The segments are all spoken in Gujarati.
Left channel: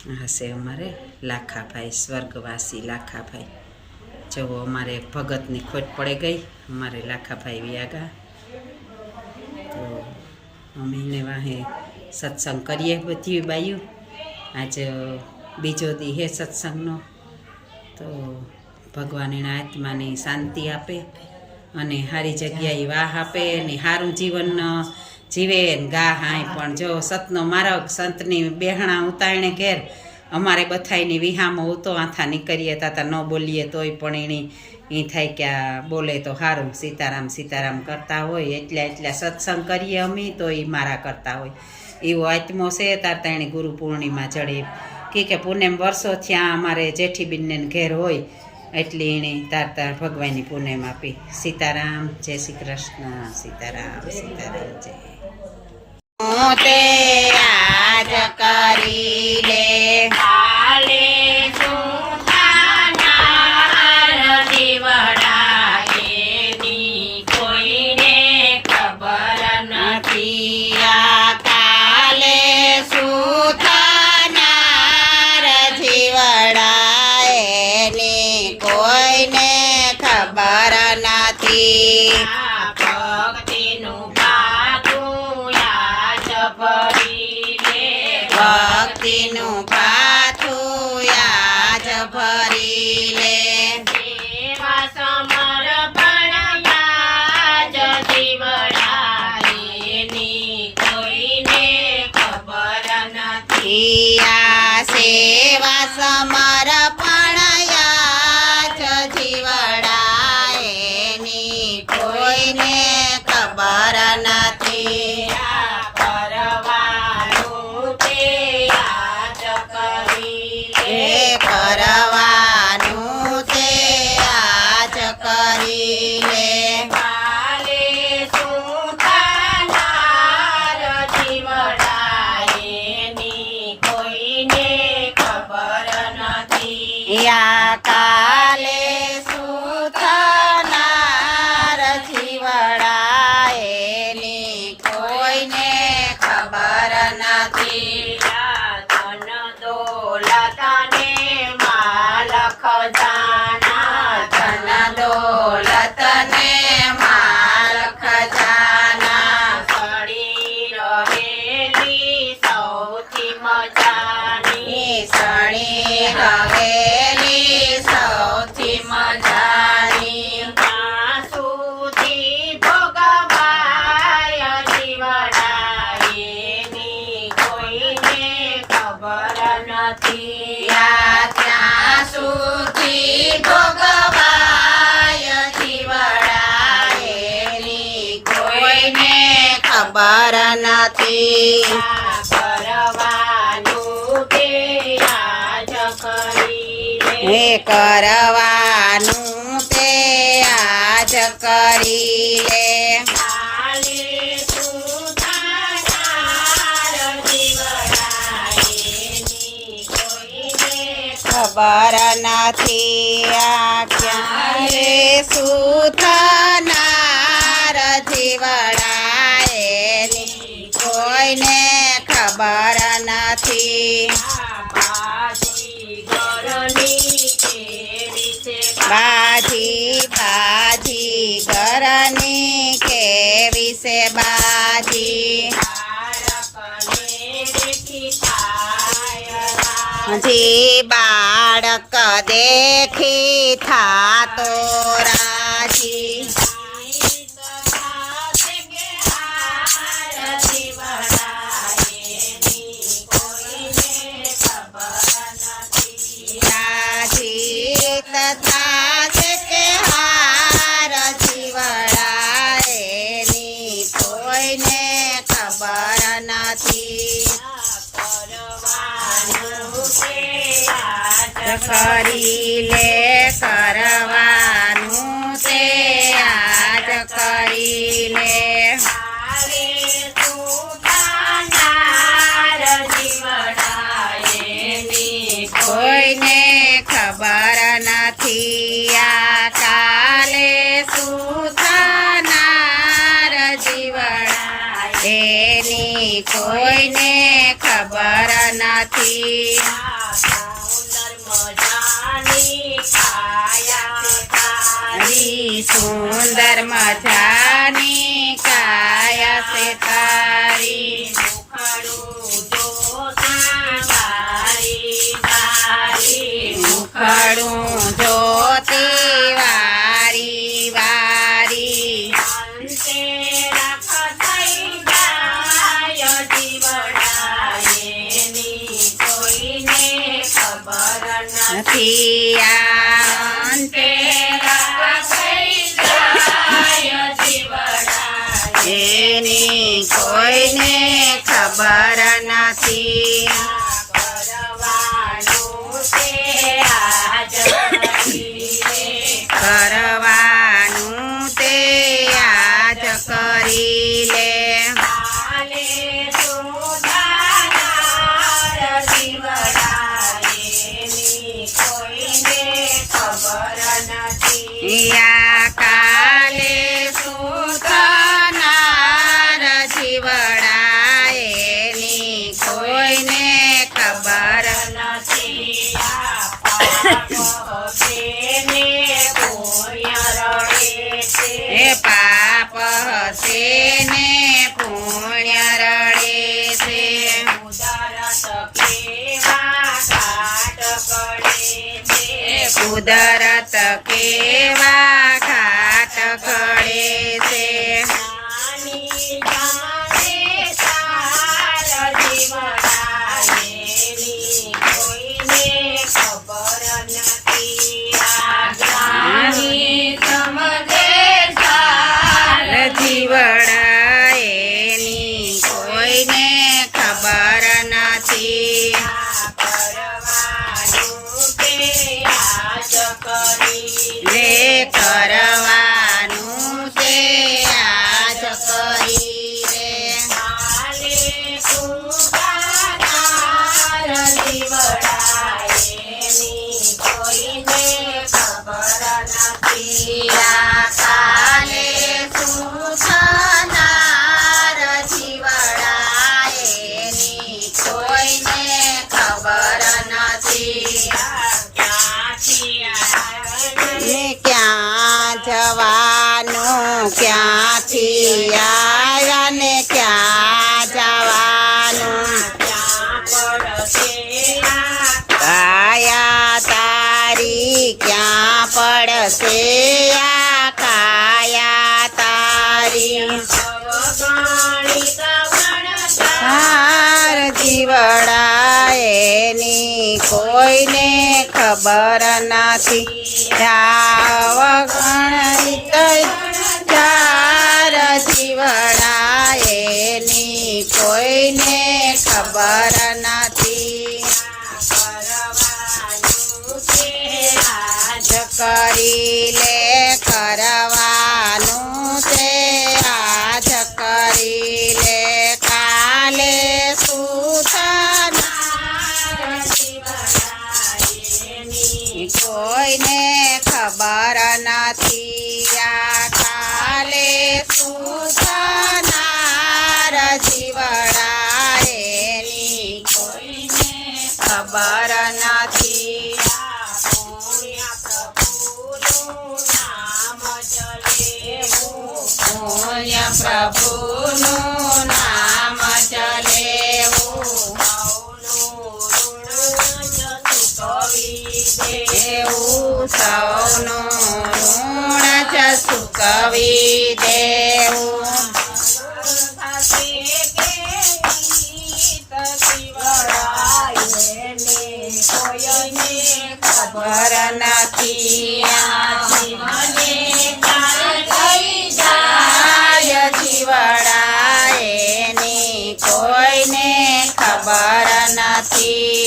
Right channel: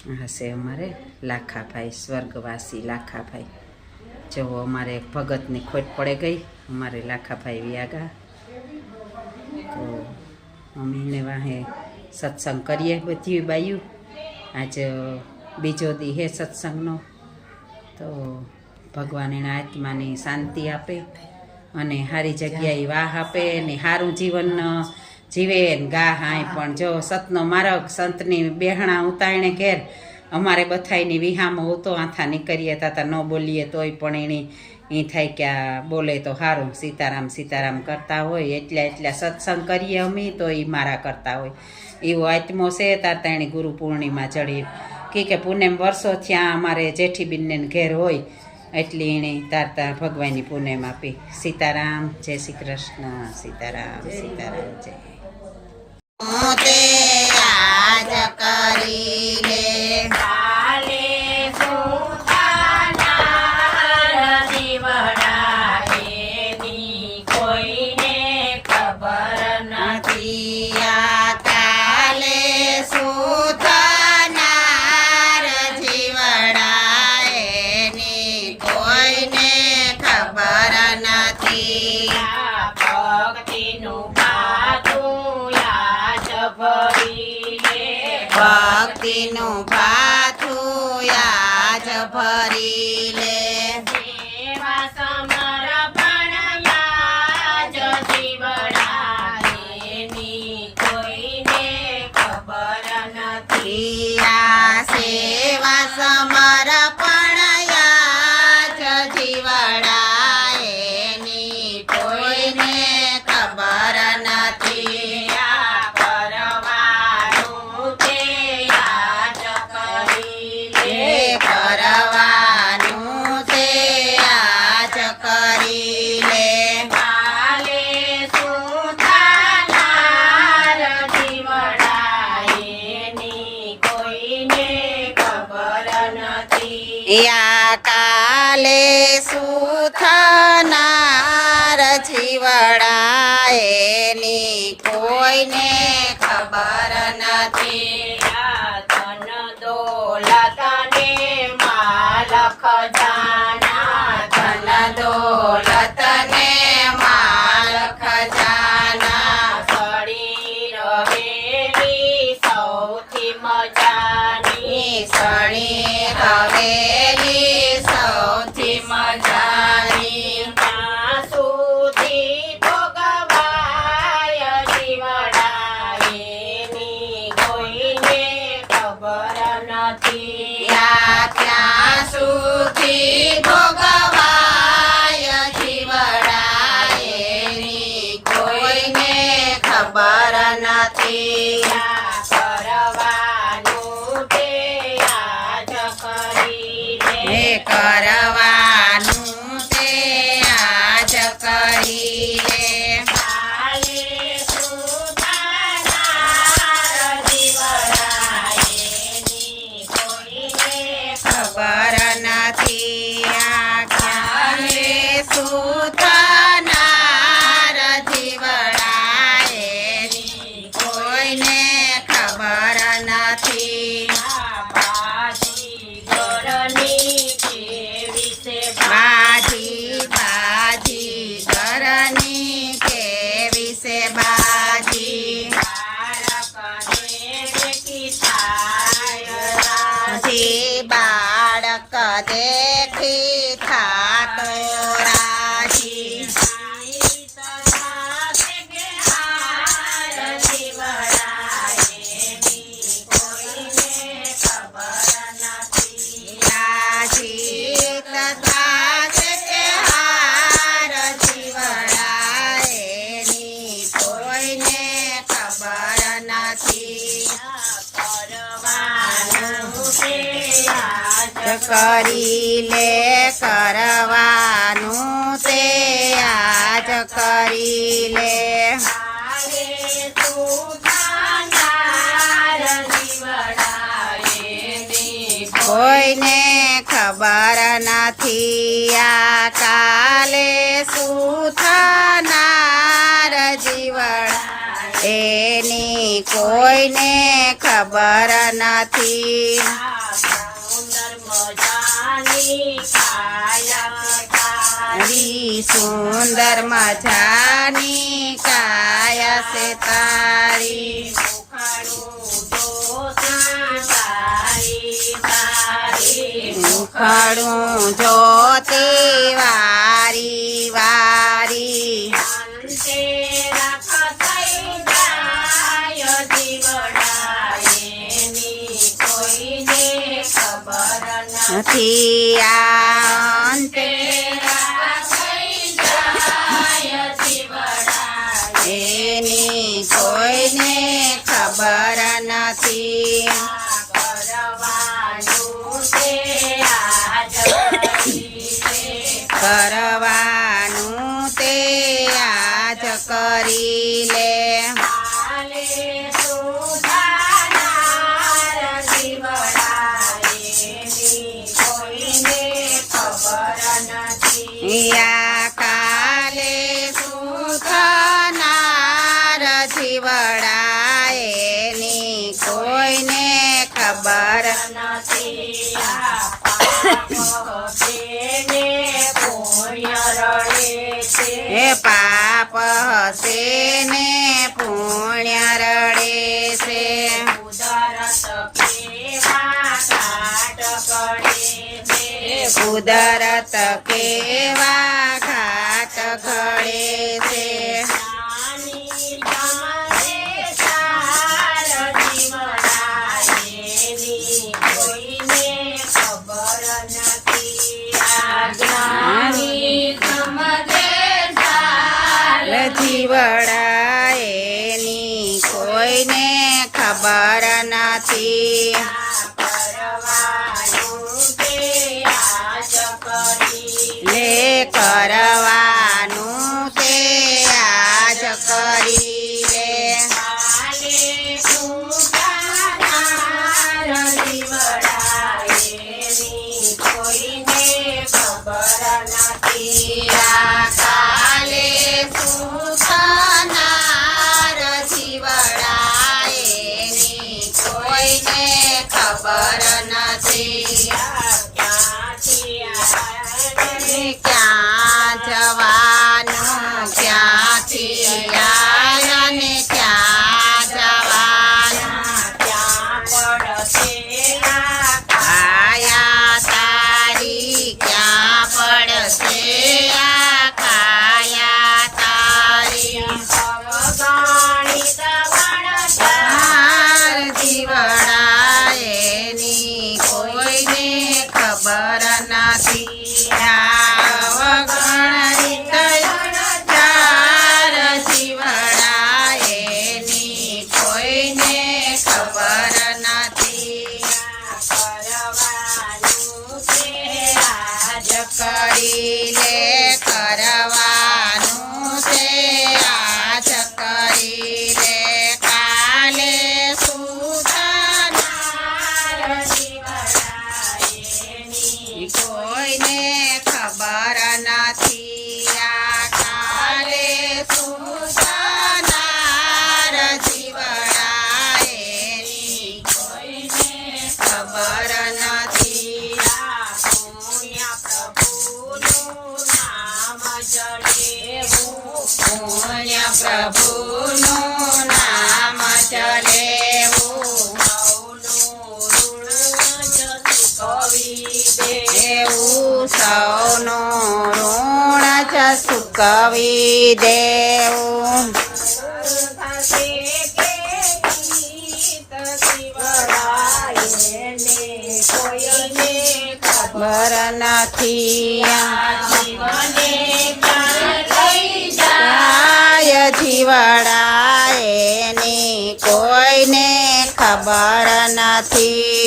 હશે અમારે લાખાભાઈ, સ્વર્ગવાસી લાખાભાઈ. જો અમારે એક ભગતની ખોટ પડે ગઈ, અમારે લાખાભાઈ વ્યાગા. તો અમે એને વાહે સત્સંગ કરીએ બધી બાયું. આજે બીજો દી હે સત્સંગનો. તો ભગવાન એના આત્માની શાંતિ આપે અને સારી જગ્યાએ વાહ આપે ને સારું જીવન જીવે ને ગા હાય. પણ જો સતનો માર્ગ સંતની બેહણા ઉતારણે ઘેર અમારે બધાયની વિહામો ઉતો આથા નીકળીએ તાતા ન બોલીએ તોય પણ એની એ થાય કે આ બોલે તો સારું, સીતારામ સીતારામ કરતા હોય એટલા સત્સંગ કરીએ અમે તો એ મારા કરતા હોય એવો આત્મો છે. તારતા એની ગુરુ પૂર્ણિમા જડી કે પૂનમ વર્ષો થયા અમારે જેઠીબીનને ઘેર હોય એટલે એણે તારતા ભગવાનની પૂનમ આપી. સીતારામ, જય શ્રી કૃષ્ણ. સીતારામ સીતારામ જય. તે આજ કરી લે ભક્તિનું પાથું યાજ ભરી લે. સમર્પણ યાજ જીવડાએની કોઈને ખબર નથી. આ સેવા સમર્પણ યાજ જીવડાએની કોઈને ખબર નથી. કરવાનું તે આજ કરી લે. કાલે સુધાનાર જીવડાએની કોઈને ખબર નથી. યા કાલે સુધાનાર જીવડાએની કોઈને ખબર નથી. દોલત ને માલ ખજાના સળી રહેલી સૌથી મજાની. સળી રહેલી સૌથી મજાની. ત્યાં સુધી ભોગવાય જીવડાએની કોઈને ખબર નથી. ત્યાં સુધી ખબર નથી. કરવાનું તે આજ કરી લે. કરવાનું તે આજ કરી લે. કાલે સુધાનાર જીવડાએની કોઈને ખબર નથી. આ કાલે સુધાનાર જીવડાએની કોઈને ખબર નથી. બાજી બાજી ઘરની કેવી છે બાજી. જી બાળક દેખી થાતો રાજી. તથા કે હાર જીવડાએની કોઈને ખબર નથી. કરી લે. કરવાનું તે આજ કરી લે. કોઈને ખબર નથી. આ કાલે સુથનાર જીવડાએની કોઈને ખબર નથી. સુંદર મજાની કાયા છે તારી મુખડું જોતી વારી વારી નથી આ અંતે એની કોઈને ખબર નથી કરવાનું તે આજ કરી લે યા કાલે શું થનાર જીવડા એની કોઈને ખબર એ પાપ હશે ને પુણ્ય રડે છે કુદરત કેવા ઘાટ ઘડે છે જીવડા એની કોઈને ખબર નથી લે કરવાનું તે આજ કરી લે કાલે શું થનાર જીવડા એની કોઈને ખબર નથી ક્યાં જવાનું ક્યાંથી આવ્યા ને ક્યાં જવાનું કાયા તારી ક્યાં પડશે આ કાયા તારી જીવડા એની કોઈને ખબર નથી જીવડા એની કોઈને ખબર નથી કરી લે કરવાનું તે આજ કરી લે કાલે શું કોઈને ખબર નથી આ કાલે શું થનાર જીવડા એની કોઈને ખબર નથી પુણ્ય પ્રભુનું નામ ચલેવું એવું સૌનું ઋણ જ ચૂકવી દેવું ખબર નથી જીવડા એની કોઈને ખબર નથી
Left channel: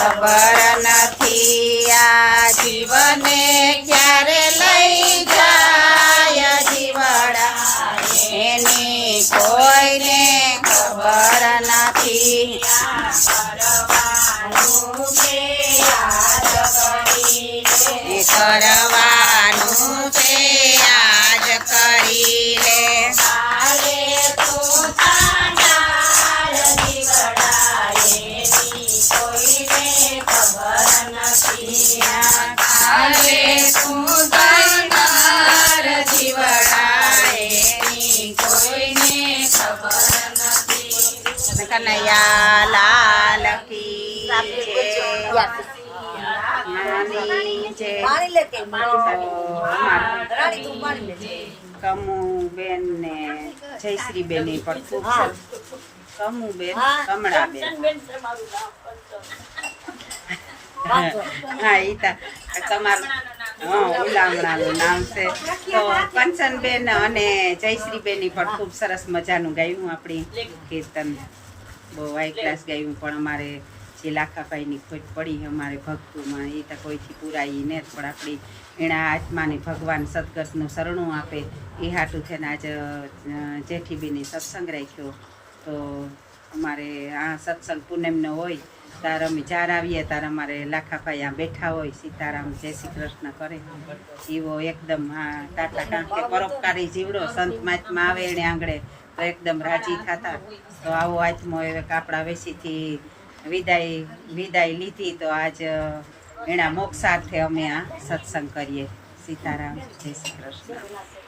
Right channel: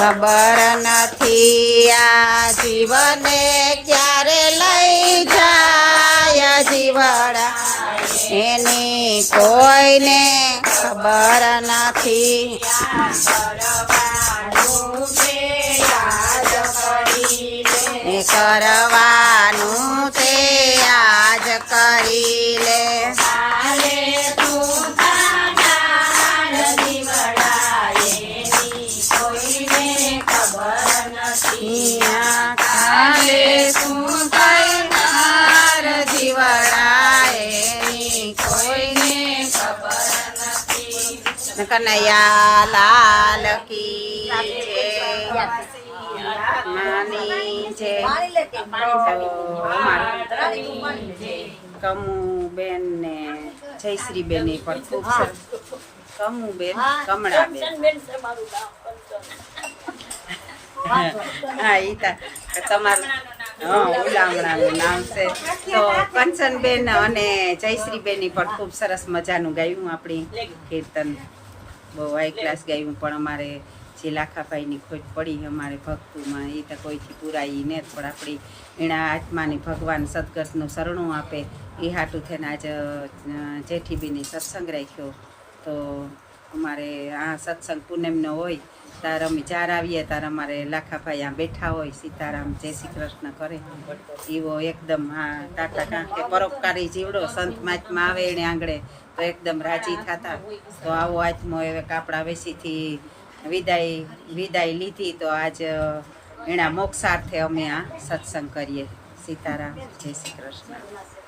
ખબર નથી આ જીવને ક્યારે લઈ જાય જીવડા એની કોઈને ખબર નથી કરવાનું તે લાલ કી જય નાની જય તો અમારે કમુ બેન ને જયશ્રી બેન પણ ખૂબ સરસ કમુ બેન કમળા બેન હા એ તમારું હા ઉલામણાનું નામ છે તો કંચનબેન અને જયશ્રીબેન પણ ખૂબ સરસ મજાનું ગાયું આપણી કીર્તન બહુ હાઈ ક્લાસ ગાયું પણ અમારે જે લાખાભાઈની ખોટ પડી અમારે ભક્તુમાં એ તો કોઈથી પુરાઈ ને પણ આપણી એના આત્માની ભગવાન સદગતનું શરણું આપે એ હાટું થઈને આજે જેઠીબીની સત્સંગ રાખ્યો તો અમારે આ સત્સંગ પૂનમનો હોય તાર અમે ચાર આવીએ તાર અમારે લાખાભાઈ આ બેઠા હોય સીતારામ જય શ્રી કૃષ્ણ કરે એવો એકદમ હા ટાટા કારણ કે પરોપકારી જીવડો સંત મહાત્મા આવે એને આંગળે તો એકદમ રાજી થતા તો આવો આત્મો હવે કાપડા વેસીથી વિદાય લીધી તો આજ એના મોક્ષાર્થે અમે આ સત્સંગ કરીએ સીતારામ જય શ્રી કૃષ્ણ